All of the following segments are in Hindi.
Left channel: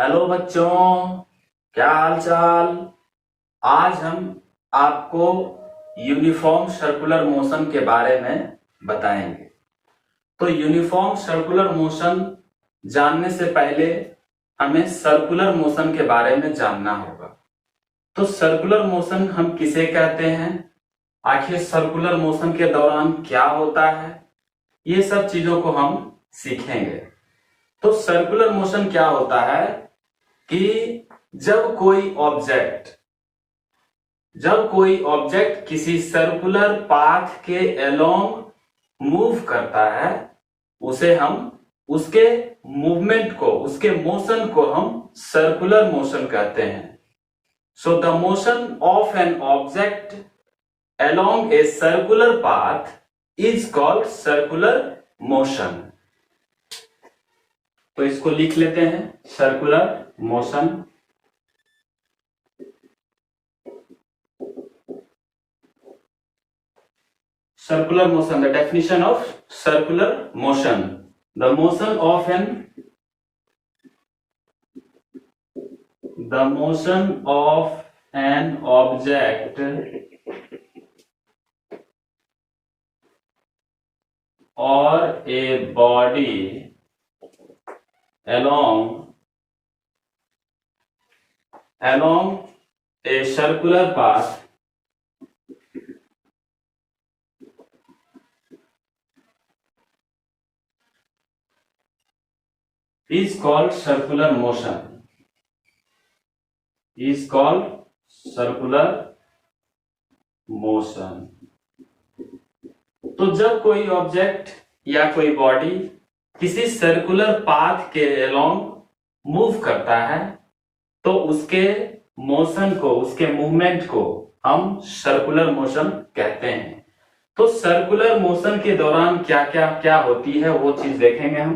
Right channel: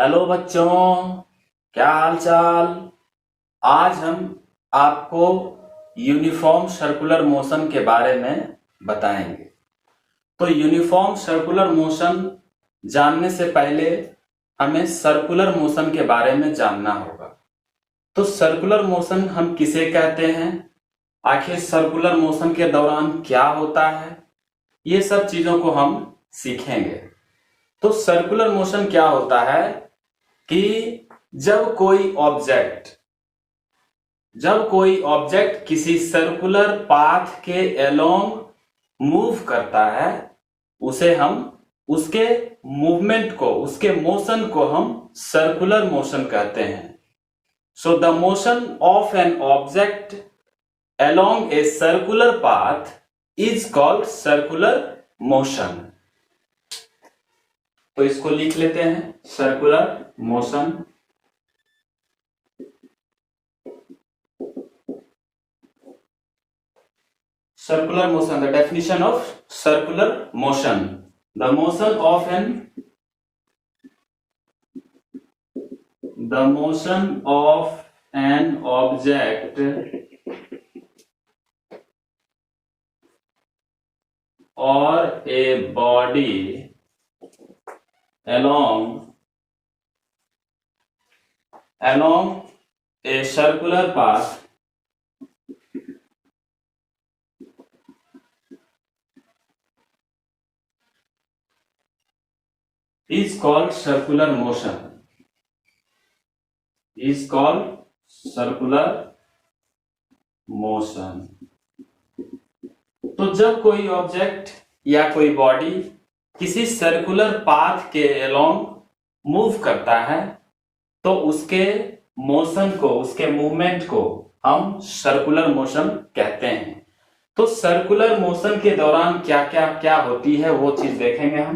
हेलो बच्चों, क्या हाल चाल। आज हम आपको यूनिफॉर्म सर्कुलर मोशन के बारे में बताएंगे। तो यूनिफॉर्म सर्कुलर मोशन जानने से पहले हमें सर्कुलर मोशन के बारे में जानना होगा। तो सर्कुलर मोशन हम किसे कहते हैं, आखिर सर्कुलर मोशन के दौरान क्या होता है, ये सब चीजों को हम सीखेंगे। तो सर्कुलर मोशन क्या होता है कि जब कोई ऑब्जेक्ट किसी सर्कुलर पाथ के अलोंग मूव करता है, उसे हम उसके मूवमेंट को, उसके मोशन को हम सर्कुलर मोशन कहते हैं। So the motion of an object along a circular path is called circular motion. तो इसको लिख लेते हैं, circular motion. Circular motion, the definition of circular motion: the motion of an object or a body along a circular path is called circular motion. तो जब कोई ऑब्जेक्ट या कोई बॉडी किसी सर्कुलर पाथ के अलोंग मूव करता है, तो उसके मोशन को, उसके मूवमेंट को हम सर्कुलर मोशन कहते हैं। तो सर्कुलर मोशन के दौरान क्या क्या होती है वो चीज देखेंगे हम।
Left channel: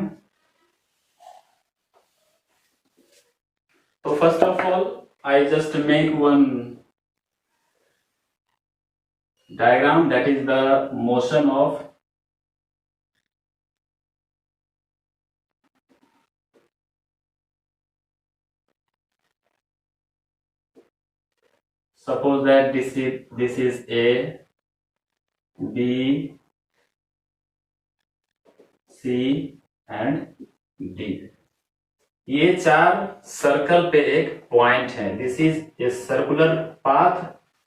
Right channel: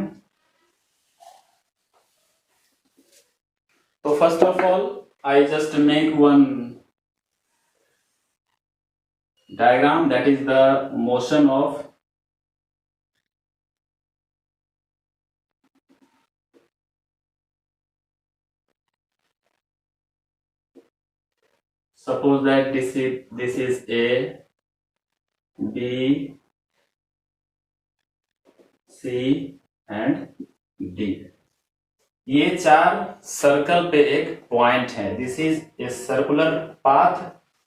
तो first of all I just make one diagram, that is the motion of suppose that this is A, B, C and D। ये चार सर्कल पे एक पॉइंट है। This is a circular path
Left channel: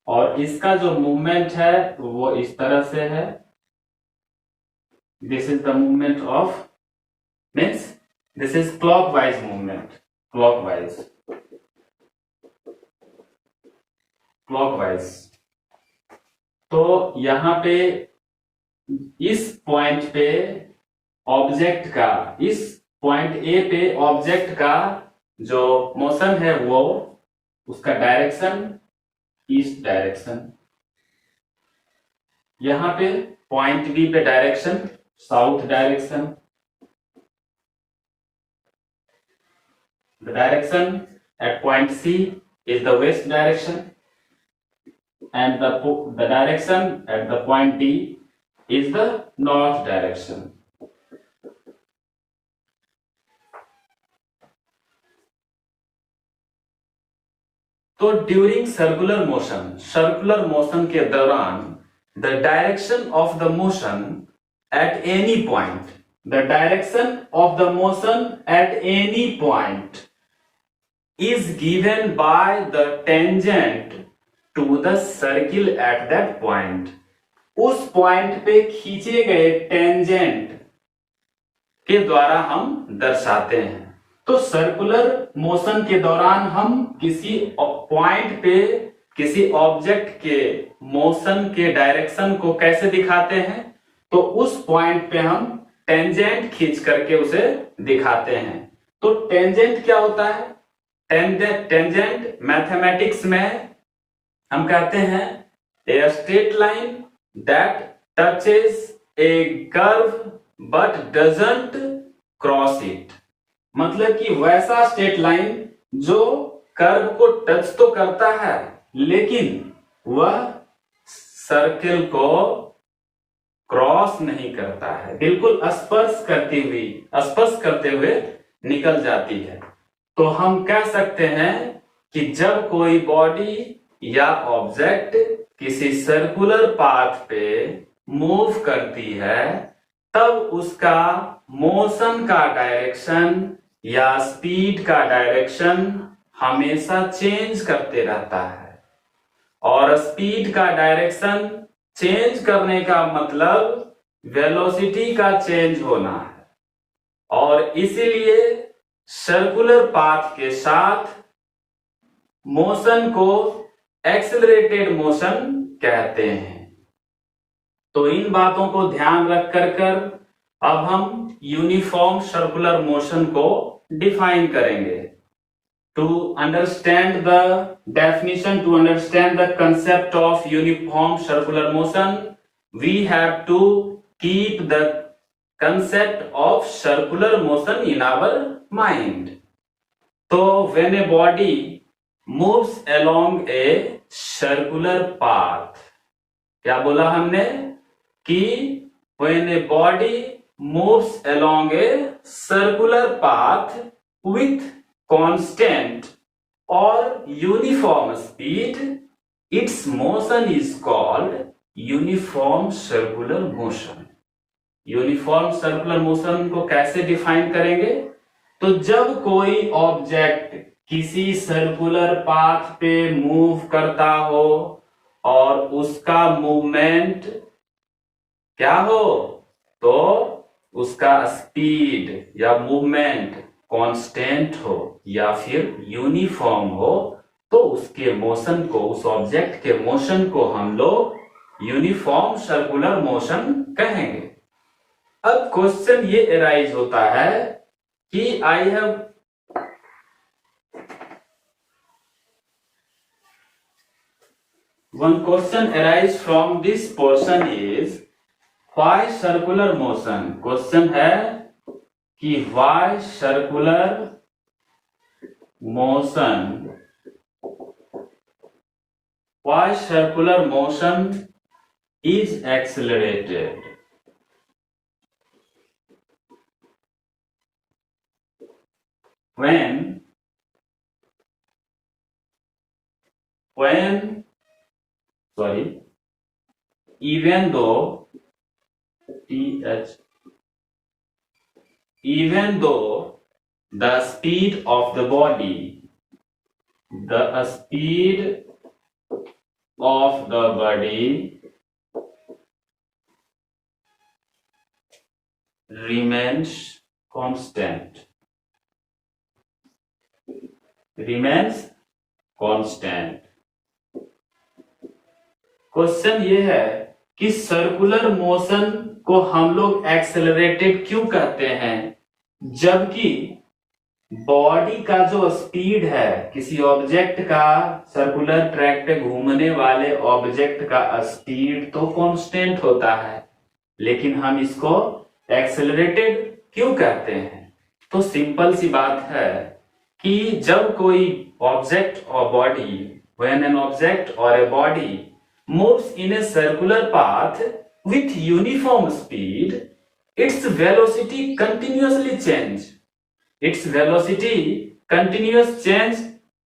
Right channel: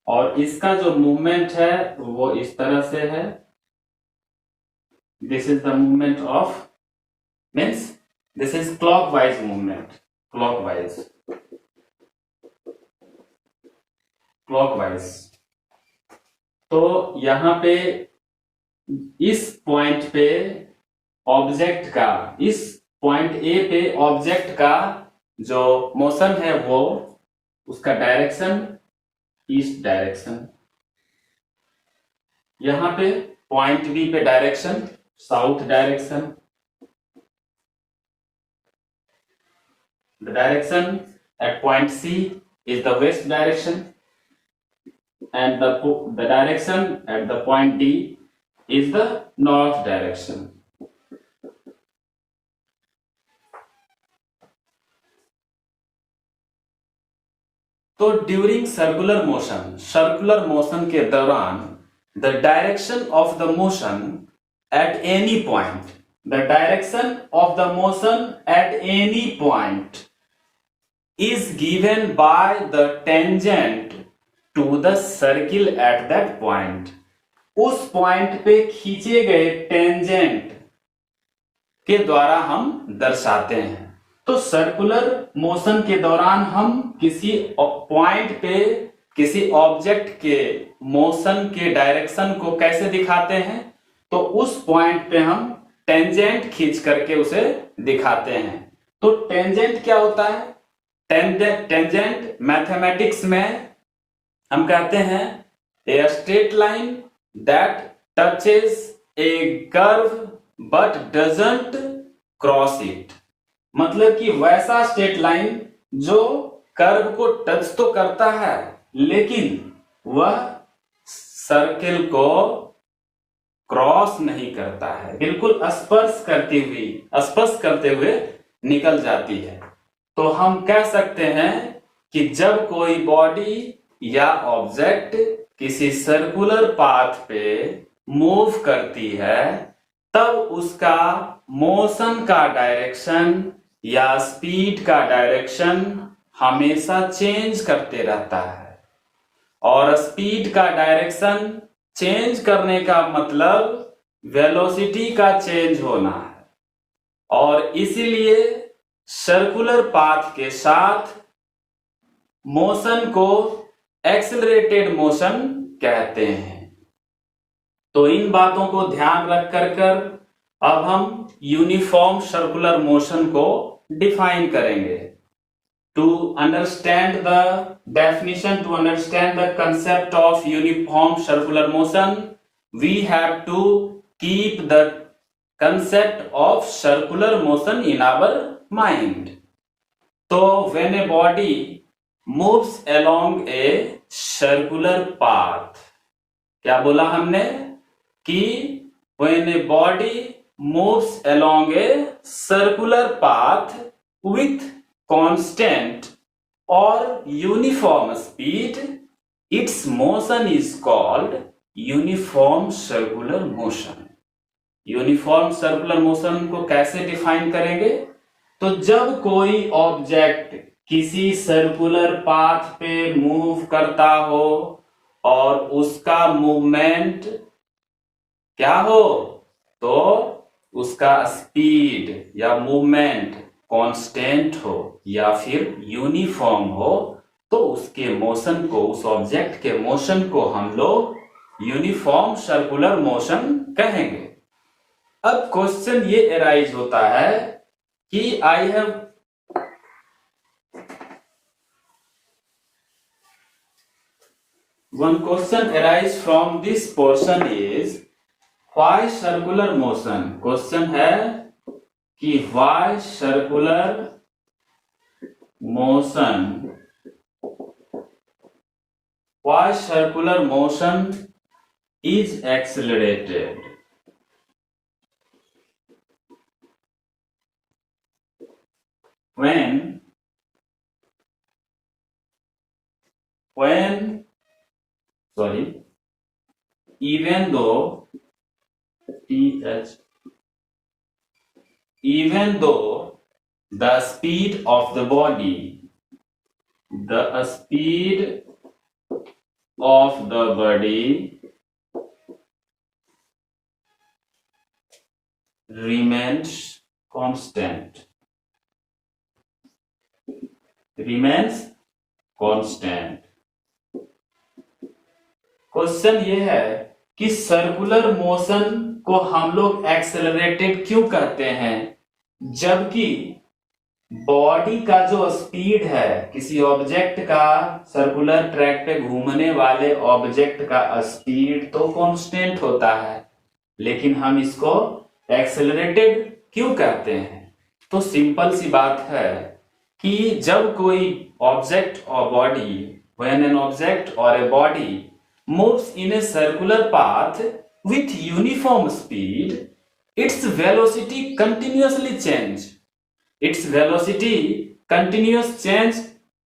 और इसका जो मूवमेंट है वो इस तरह से है। This is the movement of, means this is clockwise movement, clockwise. तो यहां पे इस पॉइंट पे ऑब्जेक्ट का, इस पॉइंट ए पे ऑब्जेक्ट का जो मोशन है वो, उसका डायरेक्शन ईस्ट डायरेक्शन। यहां पे पॉइंट बी पे direction south direction. The direction at point C is the west direction and the direction at the point D is the north direction. तो ड्यूरिंग सर्कुलर मोशन के दौरान the direction of the motion at any point is given by the tangent to the circle at that point। उस पॉइंट पे खींचे गए टेंजेंट के द्वारा हम दर्शाते हैं। तो सर्कुलर मोशन के दौरान हम किसी पॉइंट पे किसी ऑब्जेक्ट के मोशन के डायरेक्शन को कैसे दिखाते हैं, तो उस पॉइंट पे हम टेंजेंट खींच करके उसे दिखाते हैं। तो टेंजेंट क्या होता है? टेंजेंट मैथमेटिक्स में हम कहते हैं a straight line that touches A curve but doesn't cross it. मतलब कि वैसा स्ट्रेट लाइन जो कर्व को टच तो करता है लेकिन वह सर्किल को क्रॉस नहीं करता है, बिल्कुल स्पर्श करते हुए निकल जाती है। तो हम कह सकते हैं कि जब कोई बॉडी या ऑब्जेक्ट किसी सर्कुलर पाथ पे मूव करती है तब उसका मोशन का डायरेक्शन या स्पीड का डायरेक्शन हमेशा चेंज करते रहता है। और स्पीड का डायरेक्शन चेंज करने का मतलब वेलोसिटी का चेंज होना है, और इसीलिए सर्कुलर पाथ के साथ मोशन को एक्सेलरेटेड मोशन कहते हैं। तो इन बातों को ध्यान रख कर अब हम यूनिफॉर्म सर्कुलर मोशन को डिफाइन करेंगे। To understand the definition, to understand the concept of uniform circular motion, we have to keep the concept of circular motion in our mind. So when a body moves along a circular path, क्या बोला हमने कि when a body moves along a circular path with constant or uniform speed, its motion is called uniform circular motion. Uniform circular motion को कैसे डिफाइन करेंगे? तो जब कोई ऑब्जेक्ट किसी सर्कुलर पाथ पे मूव करता हो और उसका मूवमेंट क्या हो, तो उसका स्पीड या मूवमेंट कांस्टेंट हो या फिर यूनिफॉर्म हो, तो उसके मोशन को, उस ऑब्जेक्ट के मोशन को हम लोग यूनिफॉर्म सर्कुलर मोशन कहेंगे। अब क्वेश्चन ये अराइज होता है कि आई have one question arise from this portion is why circular motion. Question है कि why circular motion is accelerated? When even though the speed of the body remains constant. Question ये है कि सर्कुलर मोशन को हम लोग एक्सेलरेटेड क्यों कहते हैं, जबकि बॉडी का जो स्पीड है, किसी ऑब्जेक्ट का सर्कुलर ट्रैक पे घूमने वाले ऑब्जेक्ट का स्पीड तो कांस्टेंट होता है, लेकिन हम इसको एक्सेलरेटेड क्यों कहते हैं? तो सिंपल सी बात है कि जब कोई ऑब्जेक्ट और बॉडी, व्हेन एन ऑब्जेक्ट और a body moves in a circular path with uniform speed, its velocity continuously change. Its velocity continuous change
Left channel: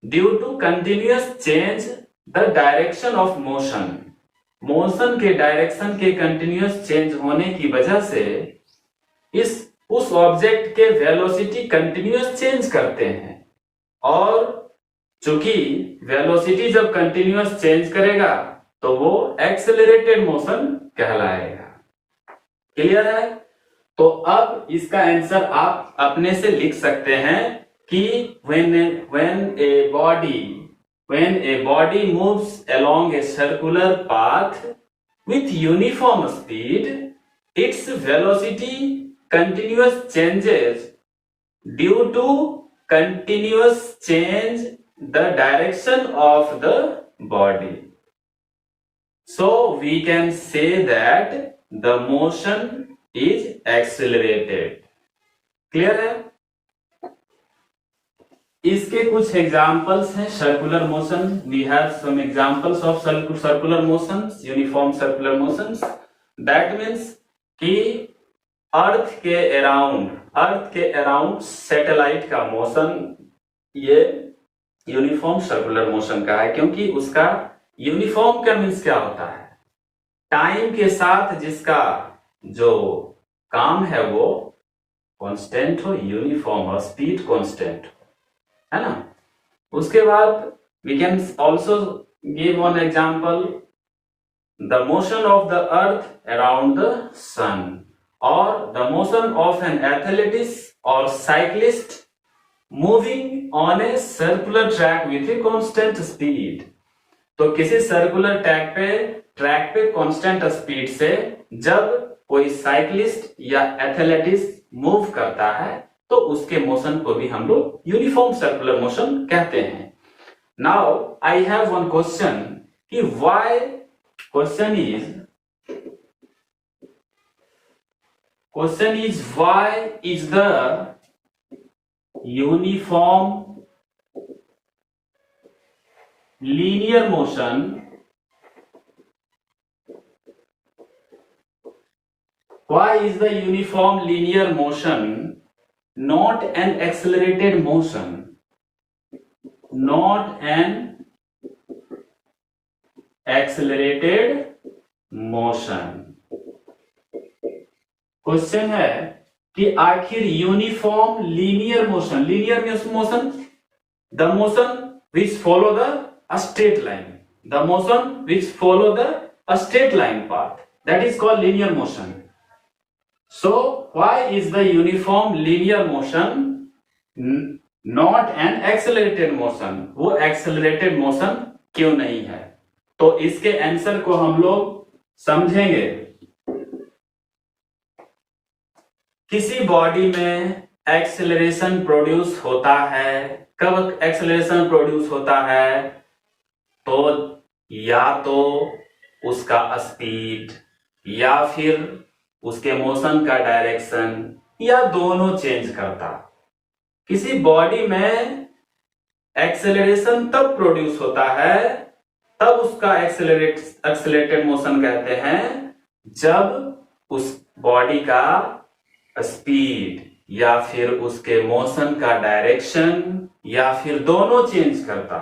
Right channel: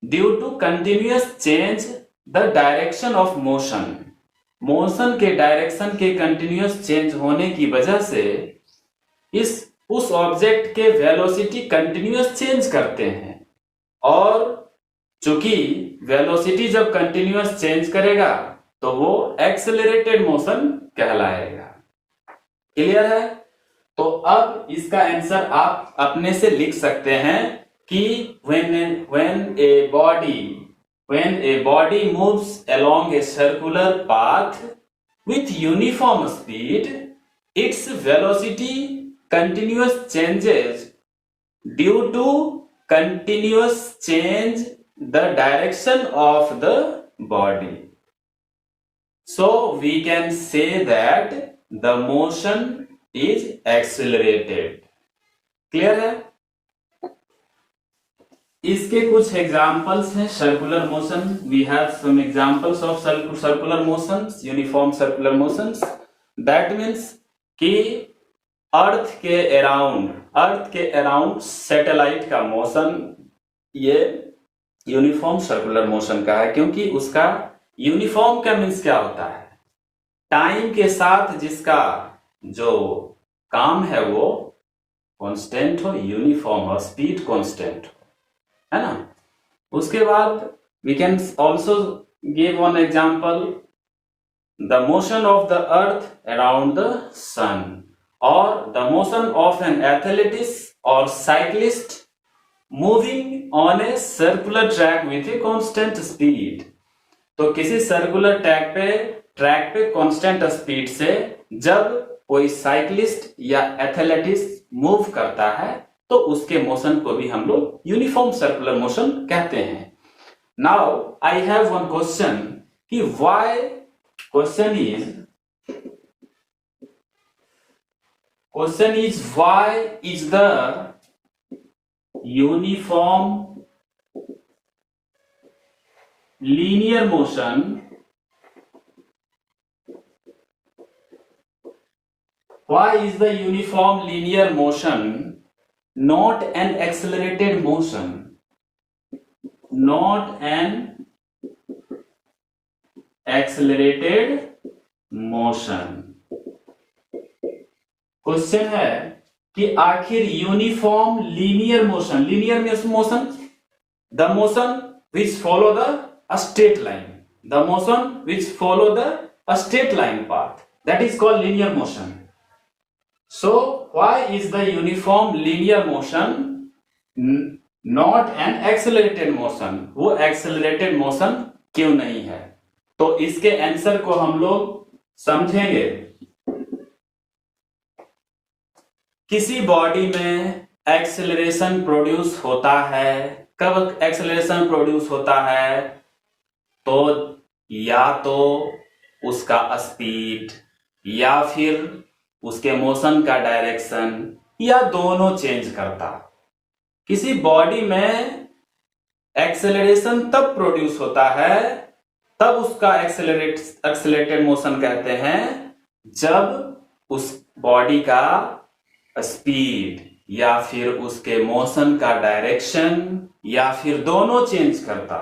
due to continuous change the direction of motion. Motion के डायरेक्शन के कंटिन्यूस चेंज होने की वजह से उस ऑब्जेक्ट के वेलोसिटी कंटिन्यूस चेंज करते हैं, और चूंकि वेलोसिटी जब कंटिन्यूस चेंज करेगा तो वो एक्सेलरेटेड मोशन कहलाएगा। क्लियर है? तो अब इसका आंसर आप अपने से लिख सकते हैं कि when a body moves along a circular path with uniform speed, its velocity continuous changes due to continuous change the direction of the body. So we can say that the motion is accelerated. Clear है? इसके कुछ एग्जाम्पल्स हैं circular motion. We have some examples of circular motions, uniform circular motions. That means कि अर्थ के अराउंड सैटेलाइट का मोशन ये यूनिफॉर्म सर्कुलर मोशन का है, क्योंकि उसका यूनिफॉर्म का मीन्स क्या होता है, टाइम के साथ जिसका जो काम है वो कांस्टेंट हो, यूनिफॉर्म हो, स्पीड कांस्टेंट हो, है ना। उसके बाद we can also give one example, the motion of the earth around the sun, और the motion of an athletics और cyclist moving on a circular track with a constant speed. तो किसी सर्कुलर ट्रैक पे कांस्टेंट स्पीड से जब कोई साइक्लिस्ट या एथलेटिक्स मूव करता है तो उसके मोशन को भी हम लोग यूनिफॉर्म सर्कुलर मोशन कहते हैं। Now I have one question कि why, question is why is the uniform linear motion why is the uniform linear motion not an accelerated motion, not an accelerated motion? Question है कि आखिर uniform linear motion, linear motion, the motion which follow the straight line, the motion which follow the straight line path, that is called linear motion. So why is the uniform linear motion not an accelerated motion? वो accelerated motion क्यों नहीं है? तो इसके आंसर को हम लोग समझेंगे। किसी बॉडी में एक्सेलरेशन प्रोड्यूस होता है, कब एक्सेलरेशन प्रोड्यूस होता है, तो या तो उसका स्पीड या फिर उसके मोशन का डायरेक्शन या दोनों चेंज करता। किसी बॉडी में एक्सेलरेशन तब प्रोड्यूस होता है, तब उसका एक्सेलरेटेड मोशन कहते हैं, जब उस बॉडी का स्पीड या फिर उसके मोशन का डायरेक्शन या फिर दोनों चेंज करता।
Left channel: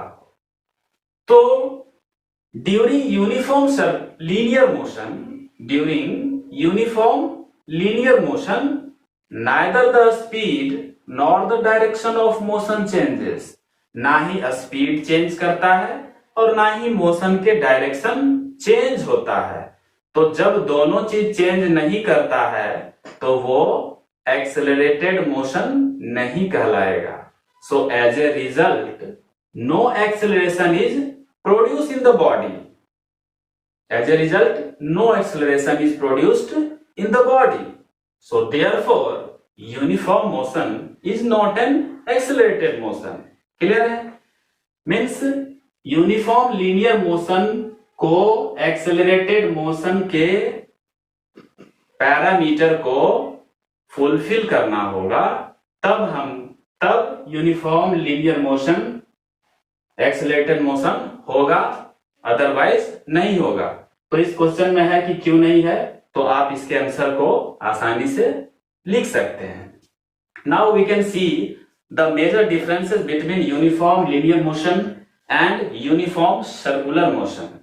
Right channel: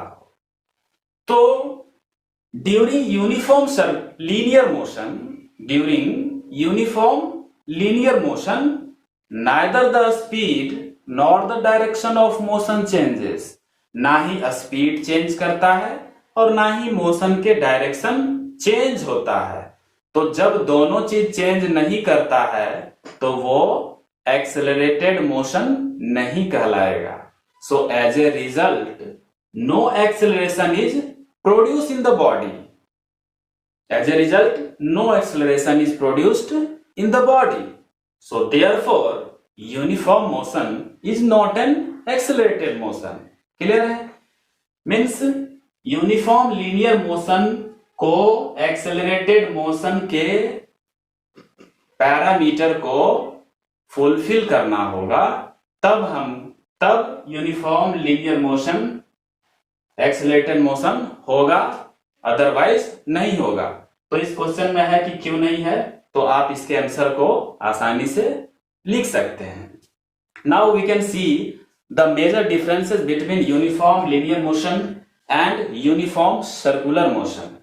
तो during uniform linear motion neither the speed nor the direction of motion changes, ना ही स्पीड चेंज करता है और ना ही मोशन के डायरेक्शन चेंज होता है। तो जब दोनों चीज चेंज नहीं करता है तो वो एक्सेलरेटेड मोशन नहीं कहलाएगा। So as a result, no acceleration is produced in the body. As a result, no acceleration is produced in the body. So therefore, uniform motion is not an accelerated motion. Clear है? Means uniform linear motion को accelerated motion के पैरामीटर को फुलफिल करना होगा, तब uniform linear motion accelerated motion होगा, अदरवाइज नहीं होगा। तो इस क्वेश्चन में है कि क्यों नहीं है, तो आप इसके आंसर को आसानी से लिख सकते हैं। Now we can see the major differences between uniform linear motion and uniform circular motion.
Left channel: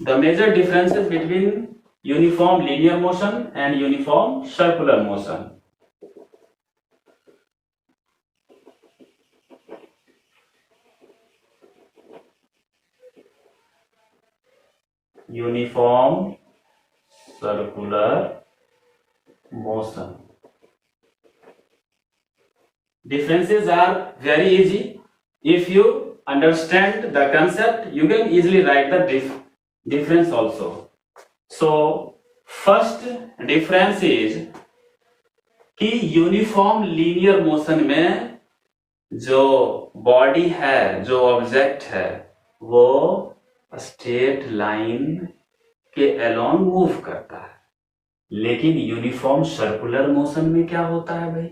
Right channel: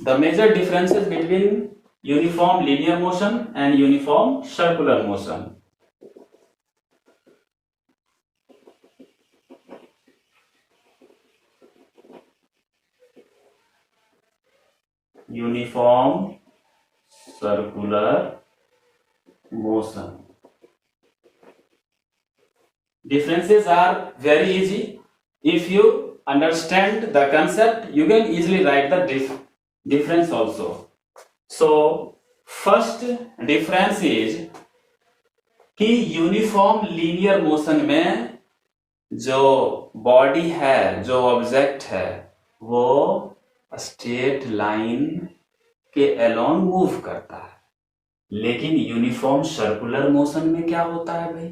The major differences between uniform linear motion and uniform circular motion. Uniform circular motion. Differences are very easy. If you understand the concept, you can easily write the difference also. So first difference is कि यूनिफॉर्म लीनियर मोशन में जो बॉडी है, जो ऑब्जेक्ट है, वो स्ट्रेट लाइन के अलोंग मूव करता है। लेकिन यूनिफॉर्म सर्कुलर मोशन में क्या होता है भाई,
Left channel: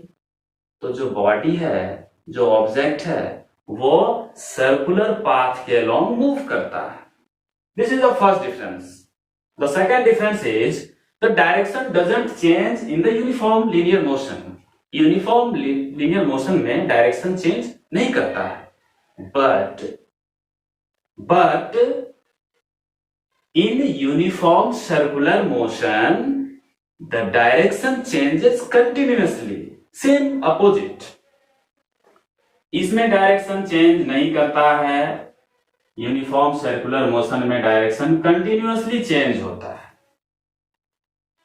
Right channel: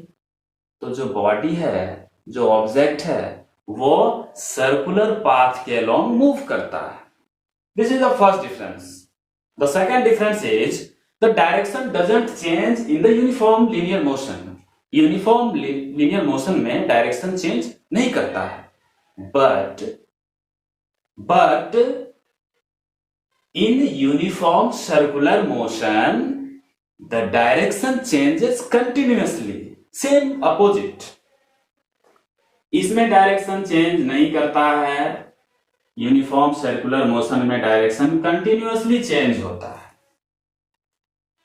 तो जो बॉडी है, जो ऑब्जेक्ट है, वो सर्कुलर पाथ के अलोंग मूव करता है। This is the first difference. The second difference is the direction doesn't change in the uniform linear motion. Uniform linear motion में डायरेक्शन चेंज नहीं करता है, but in uniform circular motion the direction changes continuously, same opposite. इसमें डायरेक्शन चेंज नहीं करता है, यूनिफॉर्म सर्कुलर मोशन में डायरेक्शन कंटिन्यूअसली चेंज होता है.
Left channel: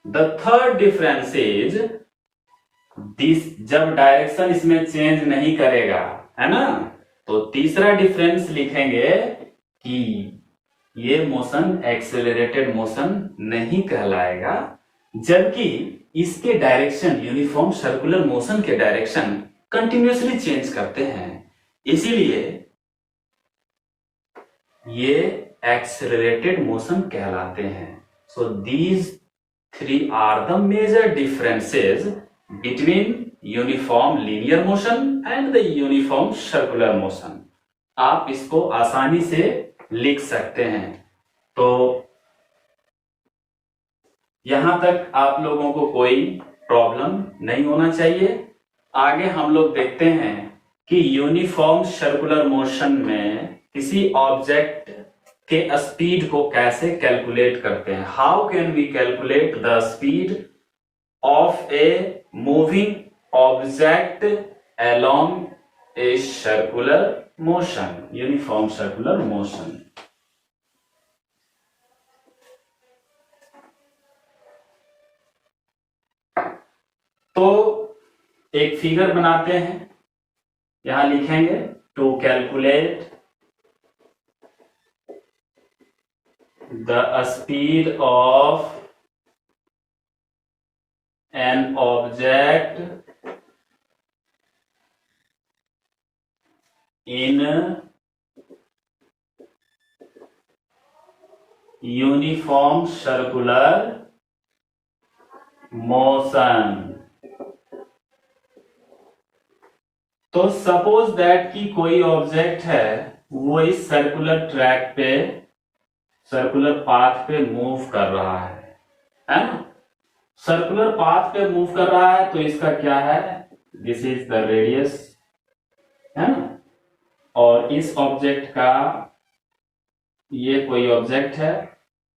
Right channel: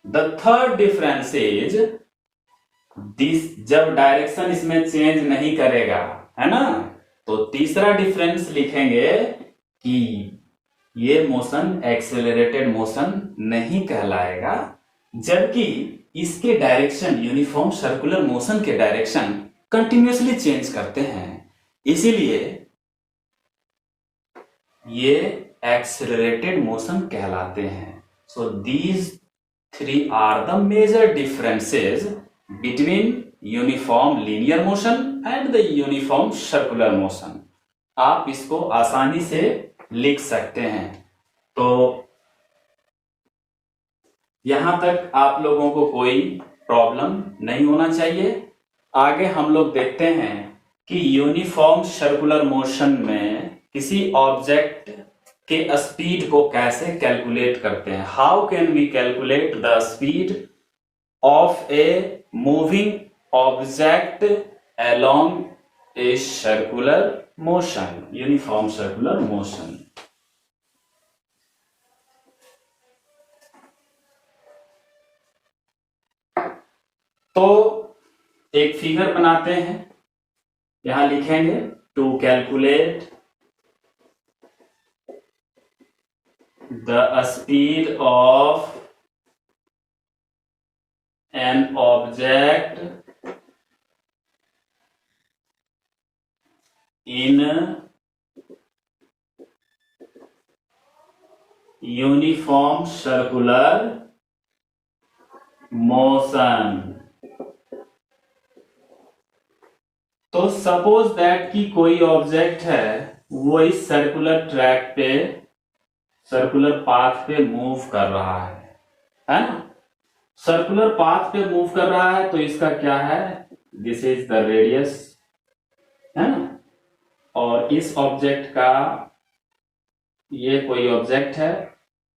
The third difference is this, जब डायरेक्शन इसमें चेंज नहीं करेगा, है ना, तो तीसरा डिफरेंस लिखेंगे कि ये मोशन एक्सेलरेटेड मोशन नहीं कहलाएगा, जबकि इसके डायरेक्शन यूनिफॉर्म सर्कुलर मोशन के डायरेक्शन कंटिन्यूअसली चेंज करते हैं, इसीलिए ये एक्सेलरेटेड मोशन कहलाते हैं. So these three are the major differences between uniform linear motion and the uniform circular motion. आप इसको आसानी से लिख सकते हैं. तो यहां तक आप लोगों को कोई प्रॉब्लम नहीं होना चाहिए. आगे हम लोग देखते हैं कि यूनिफॉर्म सर्कुलर मोशन में किसी ऑब्जेक्ट के स्पीड को कैसे कैलकुलेट करते हैं. How can we calculate the speed of a moving object along a circular motion, uniform circular motion. तो एक फिगर बनाते हैं, यहां लिखेंगे to calculate the speed of an object in uniform circular motion. तो सपोज दैट कि कोई ऑब्जेक्ट है, वो इस सर्कुलर ट्रैक पे, सर्कुलर पाथ पे मूव कर रहा है ना. सर्कुलर पाथ पे मूव कर रहा है तो इसका क्या है, दिस इज द रेडियस, है ना. और इस ऑब्जेक्ट का, ये कोई ऑब्जेक्ट है,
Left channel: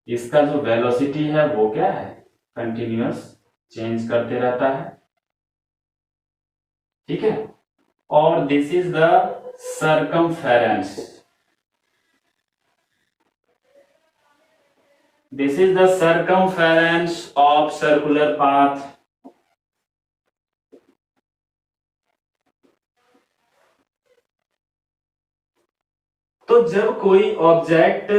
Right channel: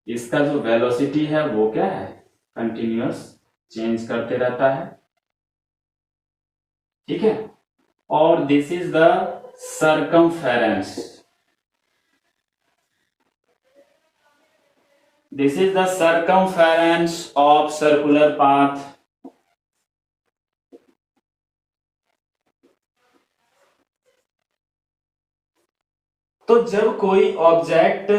इसका जो वेलोसिटी है वो क्या है, कंटिन्यूअस चेंज करते रहता है. ठीक है. और this is the circumference. This is the circumference of circular path. तो जब कोई ऑब्जेक्ट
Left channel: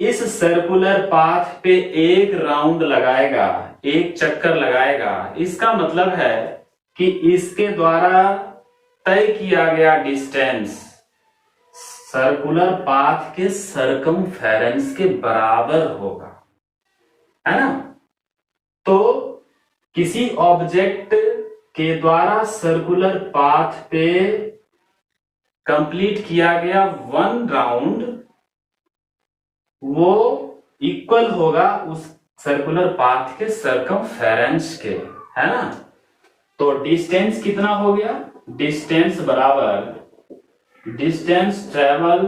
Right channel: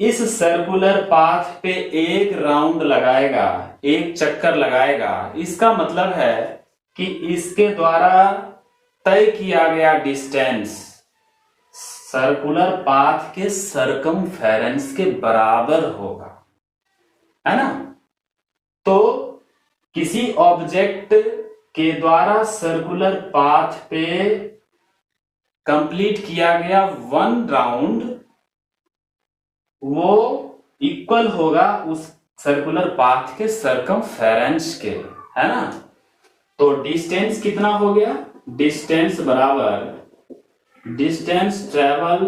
इस सर्कुलर पाथ पे एक राउंड लगाएगा, एक चक्कर लगाएगा, इसका मतलब है कि इसके द्वारा तय किया गया डिस्टेंस सर्कुलर पाथ के सर्कमफेरेंस के बराबर होगा, है ना. तो किसी ऑब्जेक्ट के द्वारा सर्कुलर पाथ पे कंप्लीट किया गया वन राउंड, वो इक्वल होगा उस सर्कुलर पाथ के सर्कमफेरेंस के, है ना. तो डिस्टेंस कितना हो गया, डिस्टेंस बराबर distance travel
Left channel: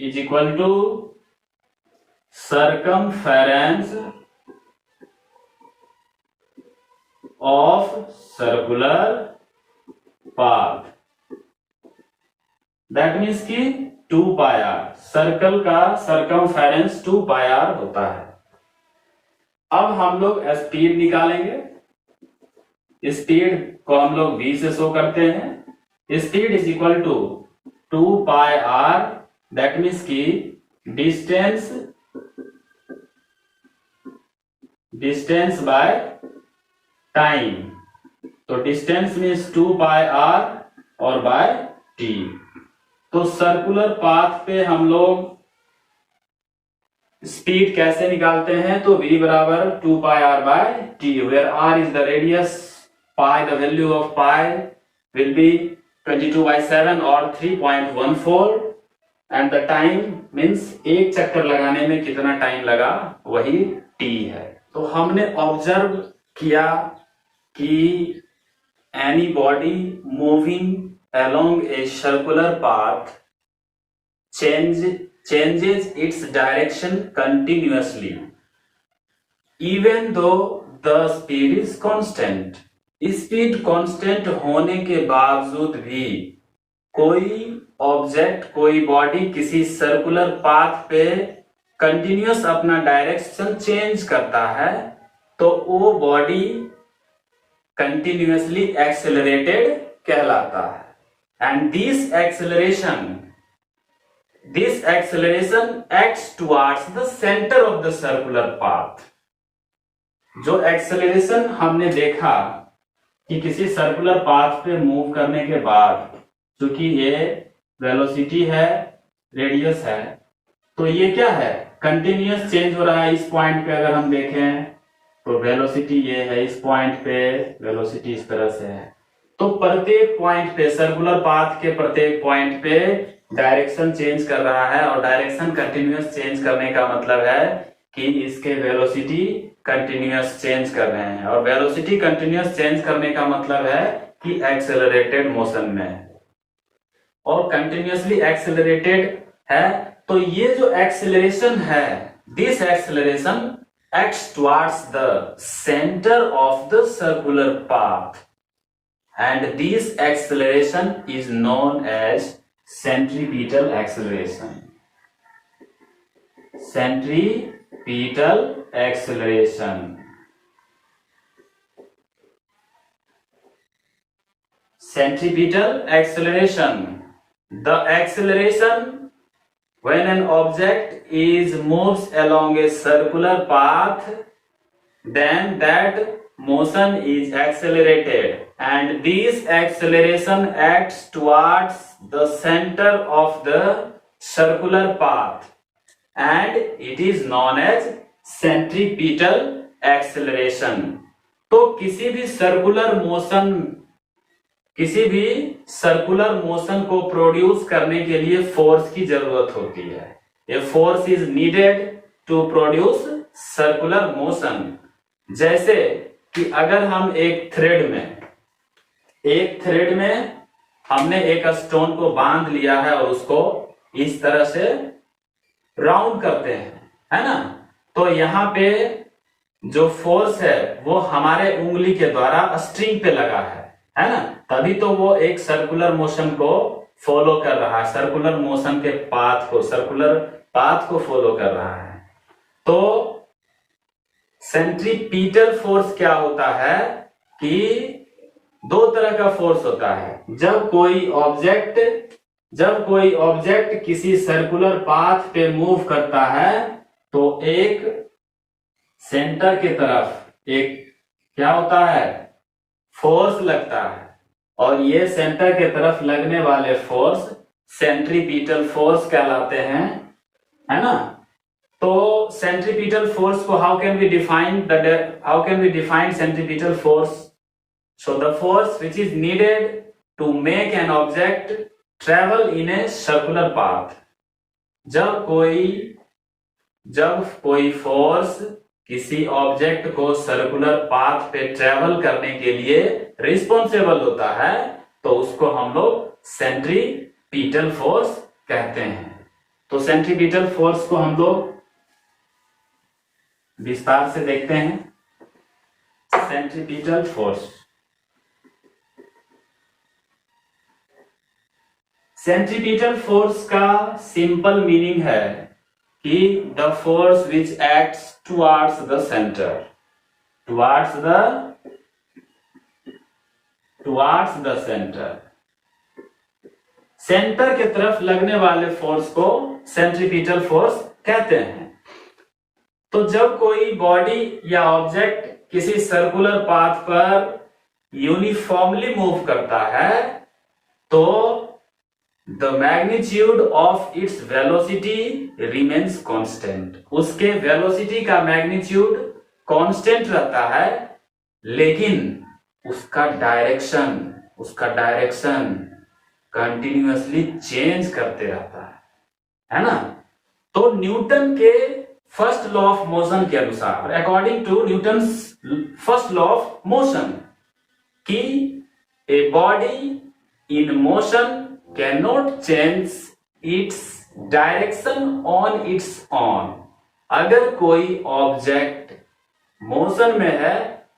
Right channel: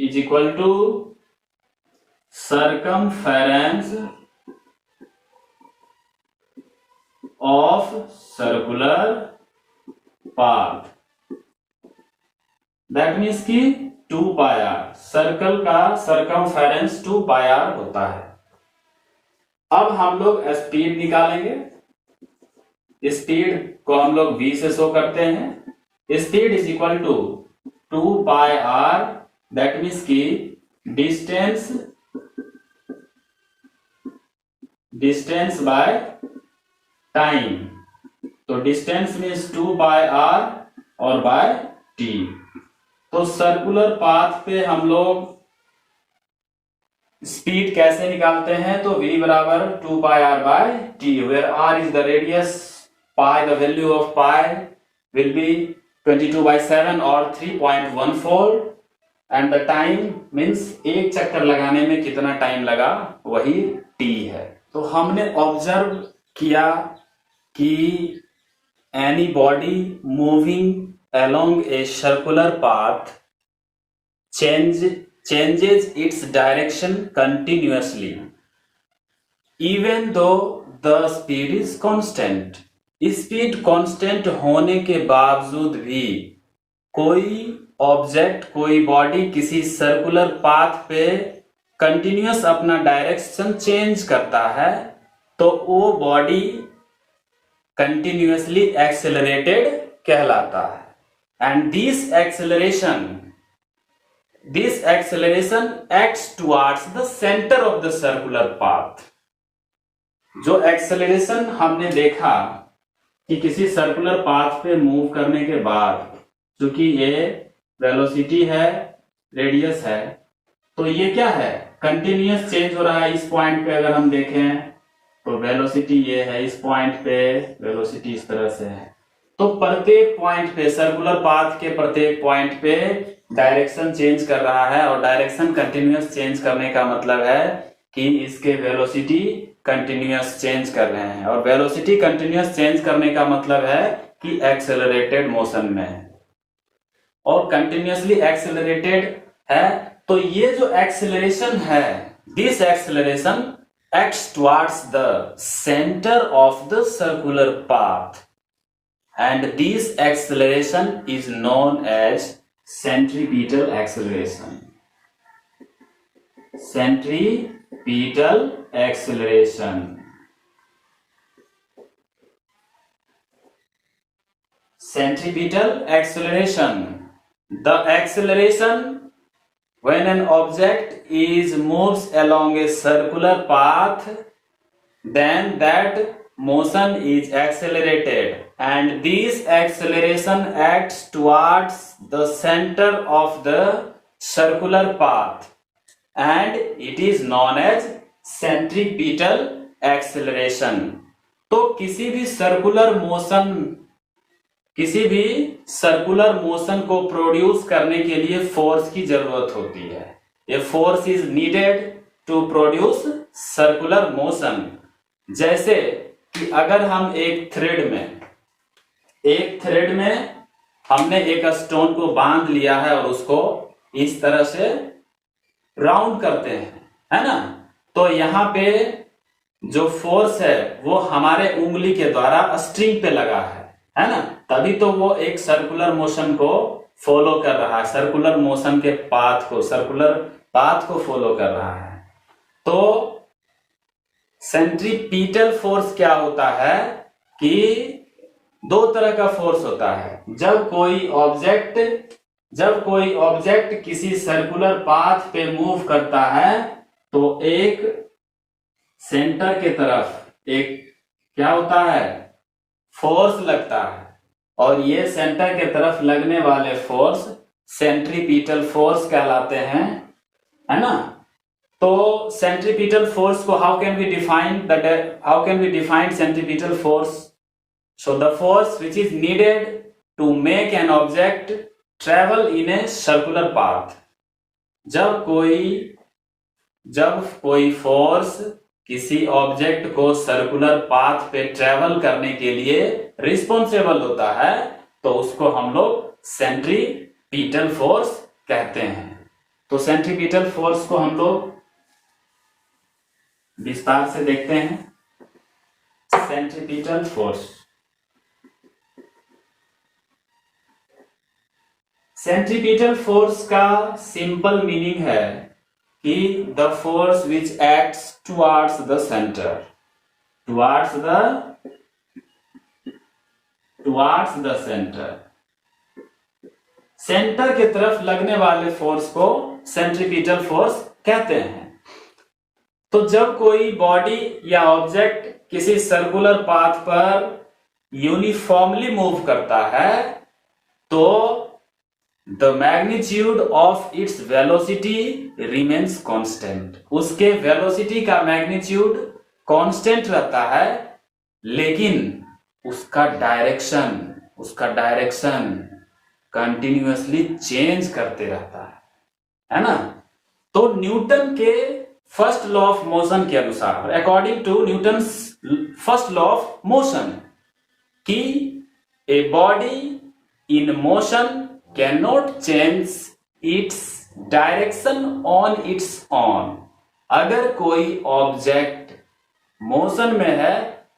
is equal to circumference of circular path. That means कि 2 पाई आर, सर्कल का सर्कमफेरेंस 2 पाई आर होता है. अब हम लोग स्पीड निकालेंगे. स्पीड को हम लोग v से शो करते हैं. Speed is equal to 2 pi r, that means कि डिस्टेंस बाय टाइम. तो डिस्टेंस मीन्स 2 पाई आर और बाय t. तो सर्कुलर पाथ पे हम लोग स्पीड कैसे निकालते हैं, तो v बराबर 2 pi R by t, where r is the radius, pi, the value of pi will be 22/7 or 3.14 and the time means एक चक्कर लगाने में कितना टाइम लगा वही t है। तो हमने ऑब्जर्व किया कि any body moving along a circular path changes its direction continuously even though the speed is constant। Speed constant होने के बावजूद भी कोई ऑब्जेक्ट, कोई बॉडी किसी सर्कुलर पाथ पे कंटिन्यूअस अपना डायरेक्शन चेंज करता है तो वो बॉडी कंटिन्यूअसली एक्सेलरेटेड कहलाता है। And this acceleration acts towards the center of the circular path। जो एक्सेलरेशन हमने देखा कि किसी सर्कुलर पाथ पे मूव करने के बाद, चूंकि ये वेलोसिटी है, रेडियस है, तो ये क्या है, कंटिन्यूअस चेंज हो रहा है। इस पॉइंट पे अगर हम देखें तो वेलोसिटी ये है, इस पॉइंट पे वेलोसिटी इस तरह से है। तो प्रत्येक पॉइंट पे, सर्कुलर पाथ के प्रत्येक पॉइंट पे डायरेक्शन चेंज कर रहा है, और डायरेक्शन कंटिन्यूअस चेंज करने का मतलब है कि इसके वेलोसिटी कंटिन्यूअस चेंज कर रहे हैं, और वेलोसिटी कंटिन्यूअस चेंज करने का मतलब है कि एक्सेलरेटेड मोशन में, और कंटिन्यूअसली एक्सेलरेटेड है। तो ये जो एक्सेलरेशन है, this acceleration acts towards the center of the circular path, and this acceleration is known as centripetal acceleration। centripetal acceleration centripetal acceleration the acceleration when an object is moves along a circular path, then that motion is accelerated, and this acceleration acts towards the center of the circular path, and it is known as centripetal acceleration। तो किसी भी सर्कुलर मोशन को प्रोड्यूस करने के लिए फोर्स की जरूरत होती है। ये force is needed to produce circular motion. जैसे कि अगर हम एक थ्रेड में हमने एक स्टोन को बांध लिया है और उसको इस तरह से राउंड करते हैं, है ना, तो यहाँ पे जो फोर्स है वो हमारे उंगली के द्वारा स्ट्रिंग पे लगा है ना, तभी तो वो एक सर्कुलर मोशन को फॉलो कर रहा है, सर्कुलर मोशन के सर्कुलर पाथ को फॉलो कर रहा है। तो सेंट्रीपीटल फोर्स क्या होता है कि दो तरह का फोर्स होता है। जब कोई ऑब्जेक्ट किसी सर्कुलर पाथ पे मूव करता है तो एक सेंटर के तरफ एक क्या होता है, फोर्स लगता है, और ये सेंटर के तरफ लगने वाले फोर्स सेंट्रीपीटल फोर्स कहलाते हैं, है ना। तो सेंट्रीपीटल फोर्स को how can we define centripetal force? So the force which is needed to make an object travel in a circular path. जब कोई फोर्स किसी ऑब्जेक्ट को सर्कुलर पाथ पे ट्रेवल करने के लिए रिस्पॉन्सिबल होता है तो उसको हम लोग सेंट्रीपीटल फोर्स कहते हैं। तो सेंट्रीपीटल फोर्स को हम लोग विस्तार से देखते हैं। सेंट्रीपीटल फोर्स, सेंट्रीपीटल फोर्स का सिंपल मीनिंग है कि the force which acts towards the centre, towards the centre के तरफ लगने वाले फोर्स को सेंट्रीपीटल फोर्स कहते हैं। तो जब कोई बॉडी या ऑब्जेक्ट किसी सर्कुलर पाथ पर यूनिफॉर्मली मूव करता है तो the magnitude of its velocity remains constant. उसके वेलोसिटी का मैग्नीट्यूड कांस्टेंट रहता है, लेकिन उसका डायरेक्शन कंटिन्यूअसली चेंज करते रहता है ना। तो न्यूटन के फर्स्ट लॉ ऑफ मोशन के अनुसार, according to Newton's first law of motion, कि a body in motion can not change its direction on its own. अगर कोई ऑब्जेक्ट मोशन में है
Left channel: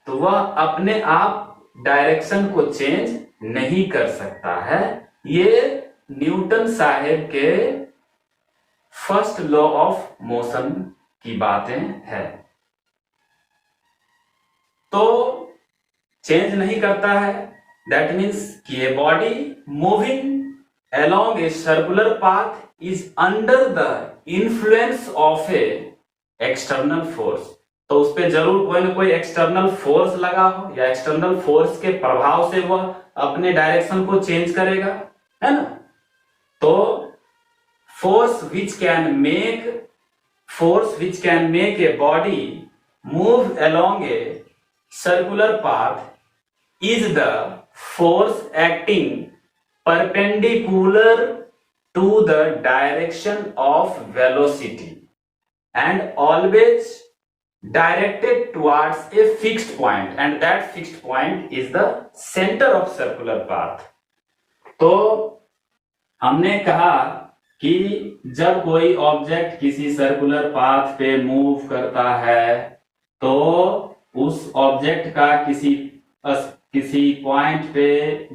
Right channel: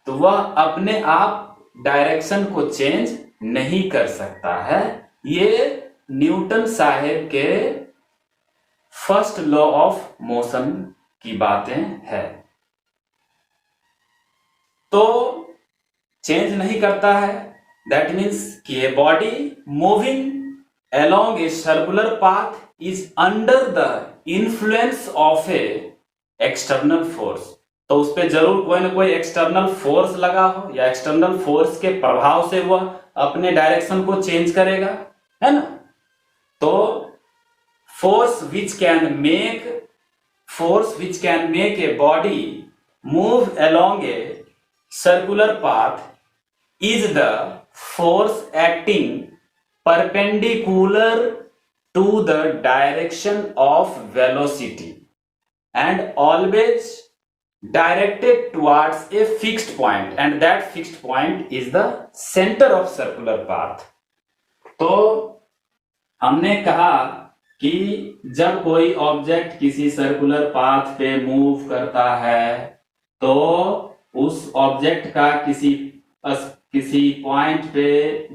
तो वह अपने आप डायरेक्शन को चेंज नहीं कर सकता है। ये न्यूटन साहब के फर्स्ट लॉ ऑफ मोशन की बातें है। तो चेंज नहीं करता है, दैट मीन्स कि a body moving along a circular path is under the influence of a external force। तो उस पे जरूर कोई ना कोई एक्सटर्नल फोर्स लगा हो या एक्सटर्नल फोर्स के प्रभाव से वह अपने डायरेक्शन को चेंज करेगा, है ना। तो force which can make a body move along a circular path is the force acting perpendicular to the direction of velocity and always directed towards a fixed point, and that fixed point is the center of circular path। तो हमने कहा कि जब कोई ऑब्जेक्ट किसी सर्कुलर पाथ पे मूव करता है तो उस ऑब्जेक्ट का किसी पॉइंट पे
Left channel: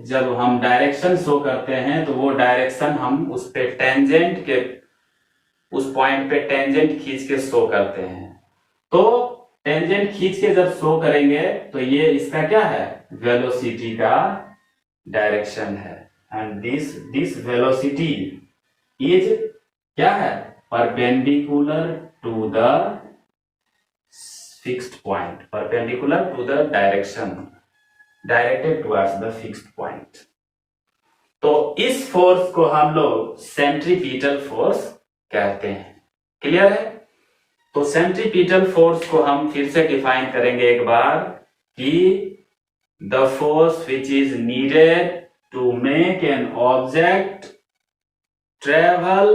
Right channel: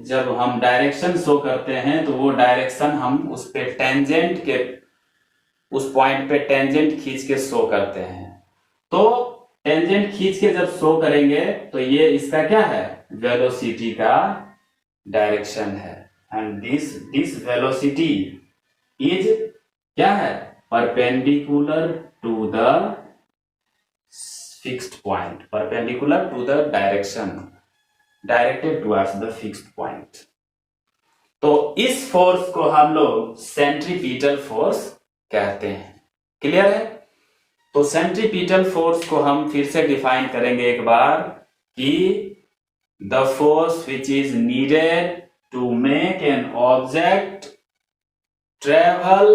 जब हम डायरेक्शन शो करते हैं तो वो डायरेक्शन हम उस पे टेंजेंट के उस पॉइंट पे टेंजेंट खींच के शो करते हैं। तो टेंजेंट खींच के जब शो करेंगे तो ये इसका क्या है, वेलोसिटी का डायरेक्शन है। एंड दिस वेलोसिटी इज क्या है, perpendicular to the fixed point, perpendicular to the direction directed towards the fixed point. तो इस फोर्स को हम लोग सेंट्रीपिटल फोर्स कहते हैं। क्लियर है। तो सेंट्रीपिटल फोर्स को हम फिर से डिफाइन करेंगे एक बार कि the force which is needed to make an object travel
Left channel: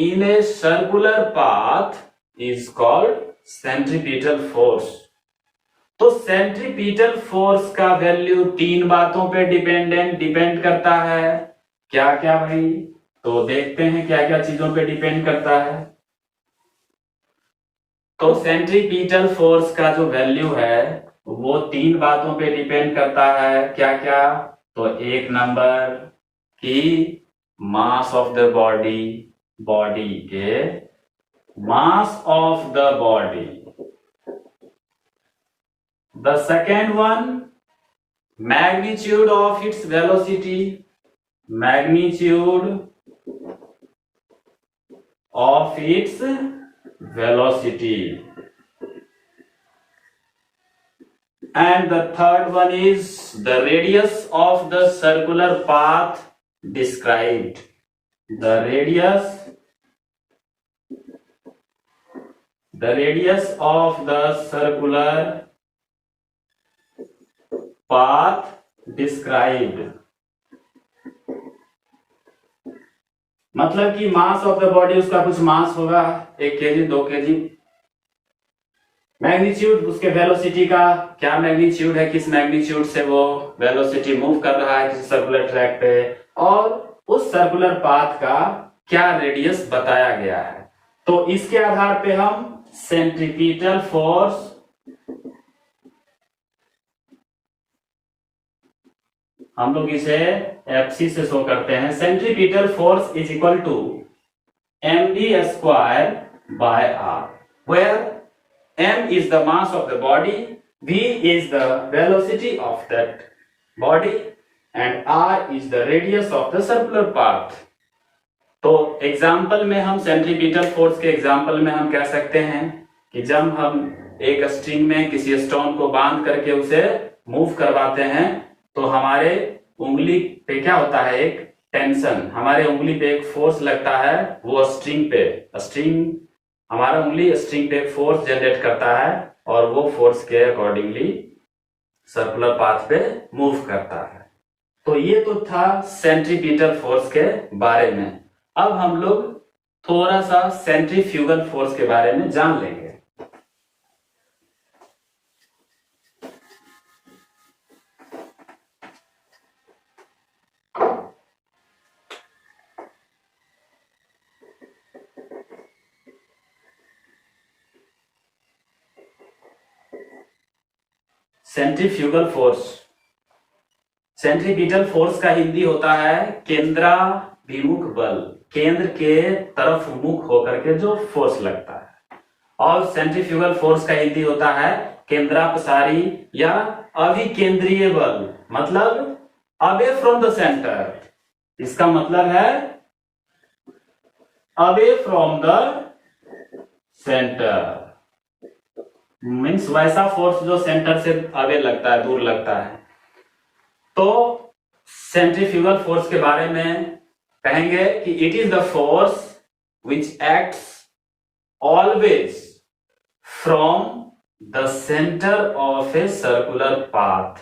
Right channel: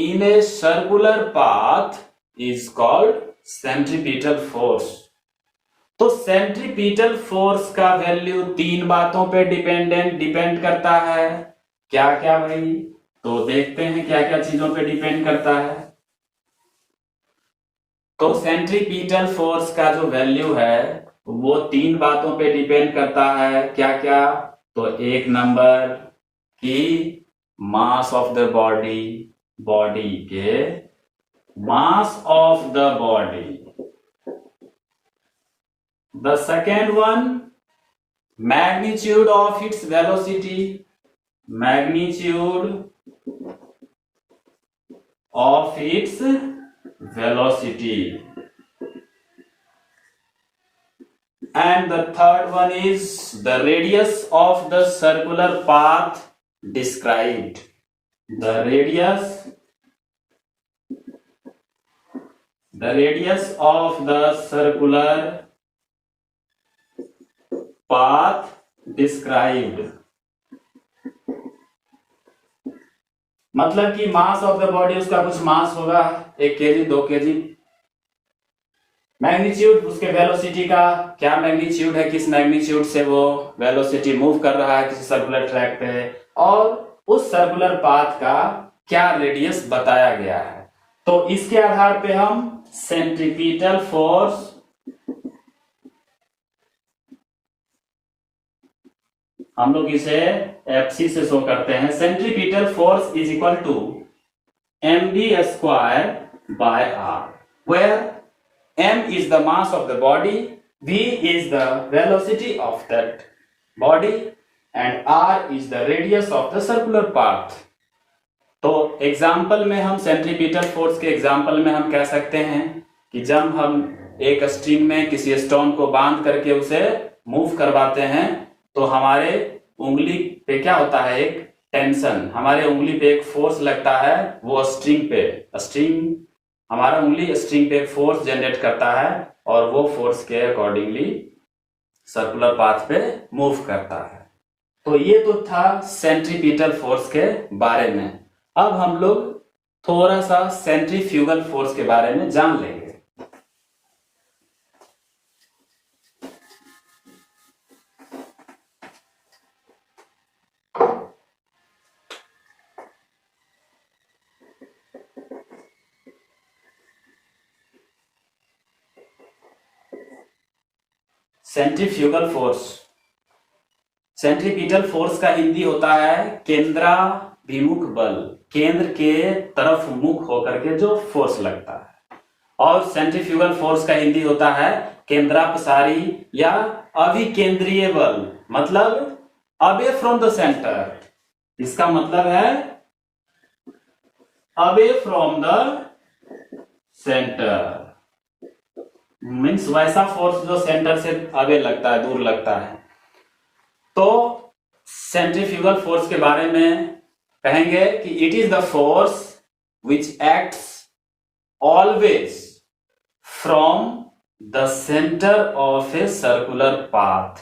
in a circular path is called centripetal force. तो सेंट्रीपिटल फोर्स का वैल्यू तीन बातों पे डिपेंड करता है। क्या क्या भाई, तो देखते हैं क्या क्या चीजों पे डिपेंड करता है। तो सेंट्रीपिटल फोर्स का जो वैल्यू है वो तीन बातों पे डिपेंड करता है। क्या क्या, तो एक नंबर कि मास ऑफ द बॉडी के mass of the body. The second one, magnitude of its velocity, magnitude of its velocity. And the third one is the radius of the circular path described. The radius of the circular path described, मतलब कि मास ऑफ द बॉडी, उसका कुछ मास होगा 1 kg 2 kg। मैग्नीट्यूड उसके वेलोसिटी का क्या मैग्नीट्यूड है, किस मैग्नीट्यूड से वो वेलोसिटी मूव कर रहा है किसी सर्कुलर ट्रैक पे, और उस सर्कुलर पाथ का क्या रेडियस बताया गया है। तो इसके आधार पे हम सेंट्रीपिटल फोर्स हम लोग इसे Fc से शो करते हैं। Centripetal force is equal to mv² by r, where m is the mass of the body, v is the velocity of that body and r is the radius of the circular path। तो एग्जाम्पल में हम सेंट्रीपिटल फोर्स के एग्जाम्पल में हम कह सकते हैं कि जब हम एक स्ट्रिंग में किसी स्टोन को बांध करके उसे मूव करवाते हैं तो हमारे उंगली पे क्या होता है, एक टेंशन, हमारे उंगली पे एक फोर्स लगता है, वो हमारा उंगली स्ट्रिंग पे फोर्स जनरेट करता है और वो फोर्स के अकॉर्डिंगली सर्कुलर पाथ पे मूव करता है। तो ये तो था सेंट्रीपिटल फोर्स के बारे में। अब हम लोग थोड़ा सा सेंट्रीफ्यूगल फोर्स के बारे में जान लेंगे। सेंट्रीफ्यूगल फोर्स, सेंट्रीपिटल फोर्स का हिंदी होता है केंद्राभिमुख बल, केंद्र के तरफ मुख होकर के जो फोर्स लगता है। और सेंट्रीफ्यूगल फोर्स का हिंदी होता है केंद्रापसारी या अभिकेंद्रीय बल, मतलब अवे फ्रॉम द सेंटर। इसका मतलब है away from the centre, means वैसा फोर्स जो सेंटर से अवे लगता है, दूर लगता है। तो सेंट्रीफ्यूगल फोर्स के बारे में कहेंगे कि it is the force which acts always from the centre of a circular path.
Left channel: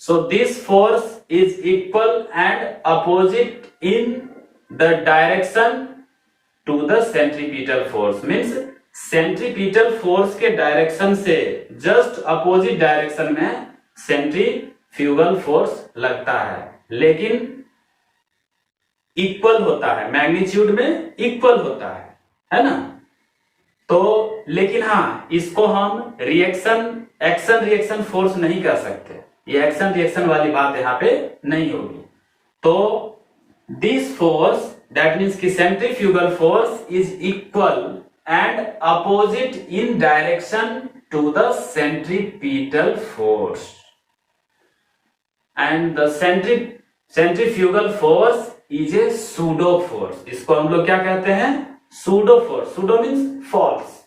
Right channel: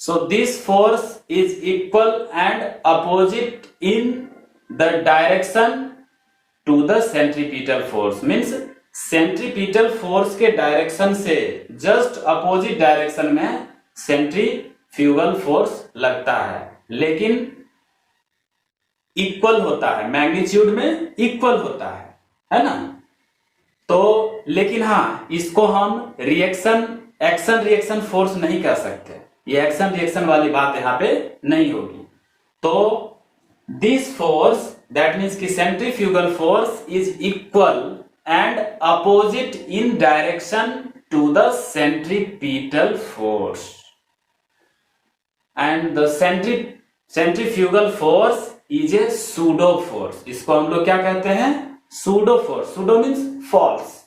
So this force is equal and opposite in the direction to the centripetal force, means centripetal force के डायरेक्शन से जस्ट अपोजिट डायरेक्शन में सेंट्रीफ्यूगल फोर्स लगता है, लेकिन इक्वल होता है, मैग्नीट्यूड में इक्वल होता है ना। तो लेकिन हाँ, इसको हम एक्शन रिएक्शन फोर्स नहीं कह सकते, ये एक्शन रिएक्शन वाली बात यहाँ पे नहीं होगी। तो दिस फोर्स, दैट मीन्स कि centrifugal force is equal and opposite in direction to the centripetal force, and the centrifugal force is a pseudo force. इसको हम लोग क्या कहते हैं? Pseudo force. Pseudo means false,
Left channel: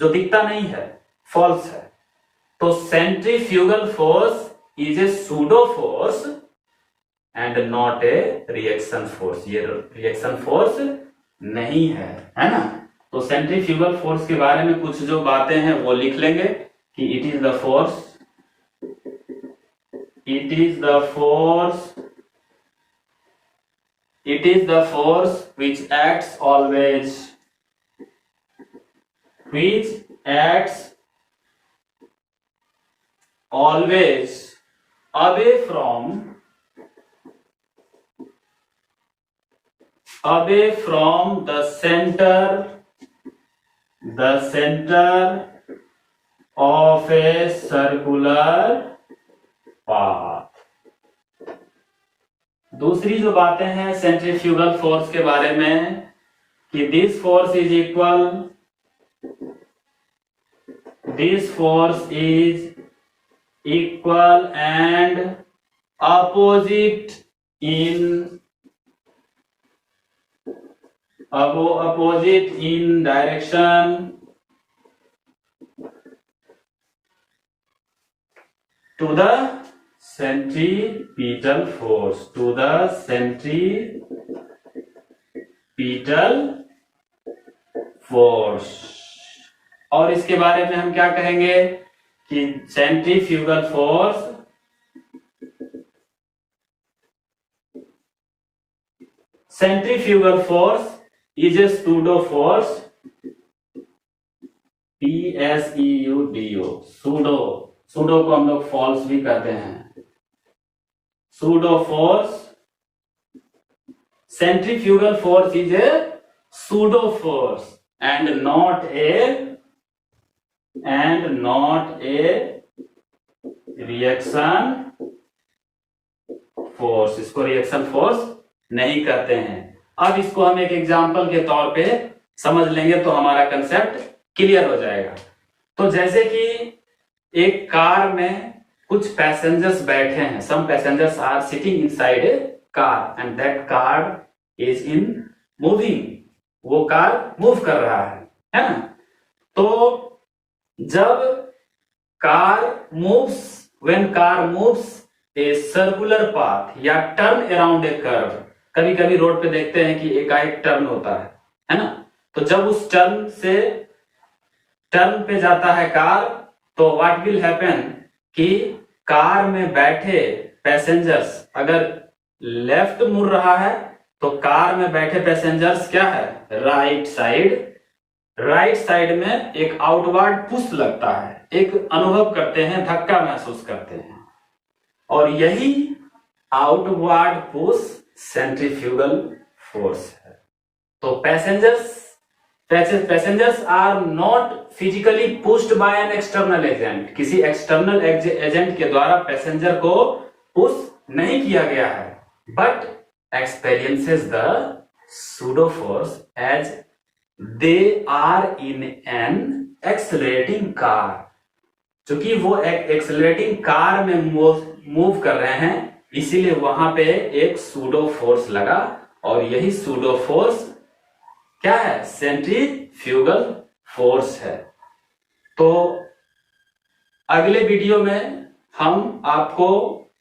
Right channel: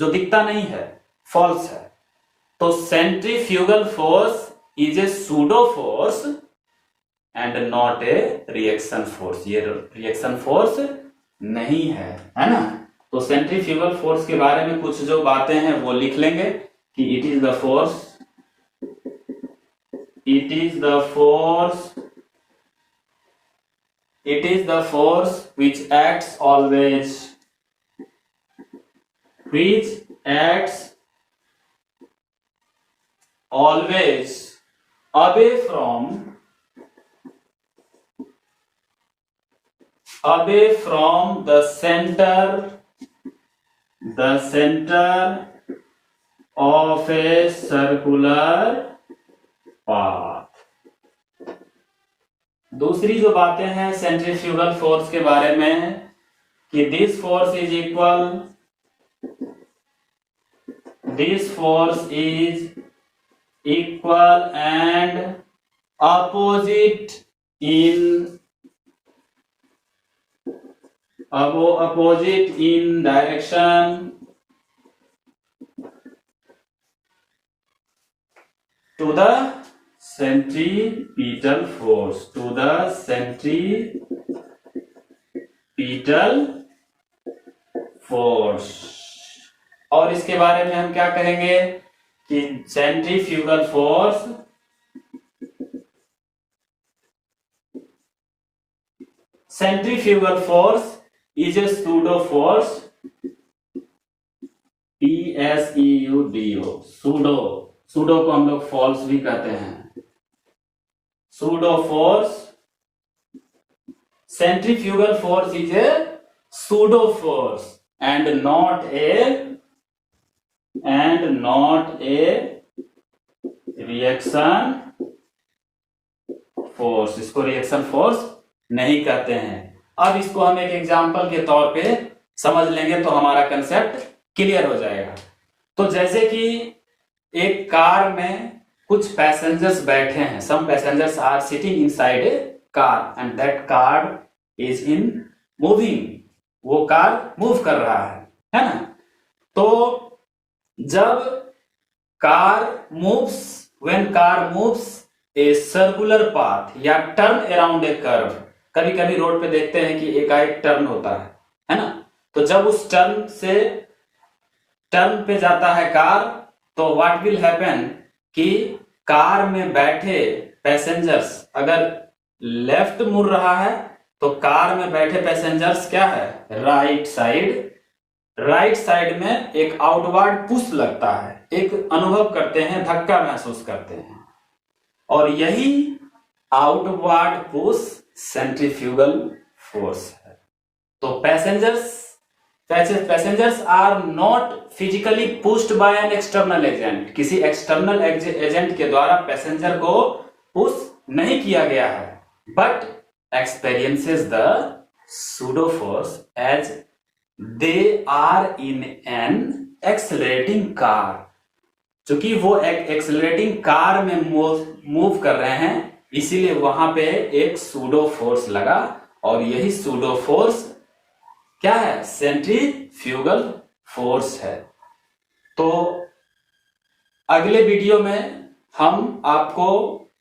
जो दिखता नहीं है, फॉल्स है। तो centrifugal force is a pseudo force and not a reaction force, ये रिएक्शन फोर्स नहीं है ना। तो सेंट्रीफ्यूगल फोर्स के बारे में कुछ जो बातें हैं वो लिख लेंगे कि it is the force which acts always away from the center of a circular path। दूसरी जो बातें हैं सेंट्रीफ्यूगल फोर्स के बारे में कि this force is equal and opposite in direction to the centripetal force. और इसके बारे में हम क्या कहेंगे कि centrifugal force is a pseudo force, PSEUDO, pseudo को हम लोग फॉल्स भी कहते हैं। Pseudo force, centrifugal force is a pseudo force and not a reaction force. इसको रिएक्शन फोर्स नहीं कहते हैं। अब इसको हम एक एग्जांपल के तौर पे समझ लेंगे तो हमारा कंसेप्ट क्लियर हो जाएगा। तो जैसे कि एक कार में कुछ पैसेंजर्स बैठे हैं, some passengers are sitting inside a car and that car is in moving, वो कार मूव कर रहा है ना। तो जब car moves a circular path या टर्न अराउंड ए कर्व, कभी कभी रोड पे देखते हैं कि एकाएक टर्न होता है ना। तो जब उस टर्न पे जाता है कार, तो व्हाट विल हैपन कि कार में बैठे पैसेंजर्स अगर लेफ्ट मुड़ रहा है तो कार में बैठे पैसेंजर्स क्या है, राइट साइड में एक आउटवर्ड पुश लगता है, एक अनुभव करते हैं, धक्का महसूस करते हैं। और यही आउटवर्ड पुश सेंट्रीफ्यूगल फोर्स है। तो passengers passengers are not physically pushed by an external agent, किसी एक्सटर्नल एजेंट के द्वारा पैसेंजर को पुश नहीं किया गया है, but experiences the pseudo force as they are in an accelerating car, चूंकि वो एक एक्सेलरेटिंग कार में मूव कर रहे हैं, इसीलिए वहां पे एक सूडो फोर्स लगा, और यही सूडो फोर्स क्या है? सेंट्रीफ्यूगल फोर्स है। तो अगले वीडियो में हम आपको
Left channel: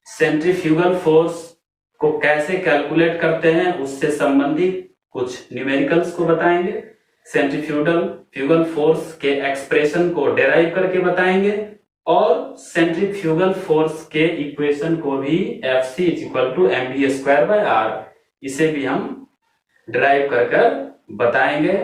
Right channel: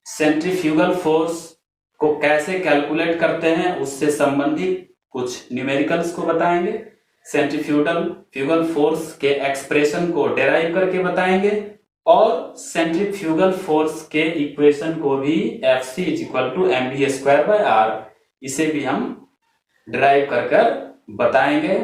सेंट्रीफ्यूगल फोर्स को कैसे कैलकुलेट करते हैं उससे संबंधित कुछ न्यूमेरिकल्स को बताएंगे, सेंट्रीफ्यूगल फोर्स के एक्सप्रेशन को डेराइव करके बताएंगे, और सेंट्रीफ्यूगल फोर्स के इक्वेशन को भी Fc = mv² r, इसे भी हम डिराइव कर बताएंगे।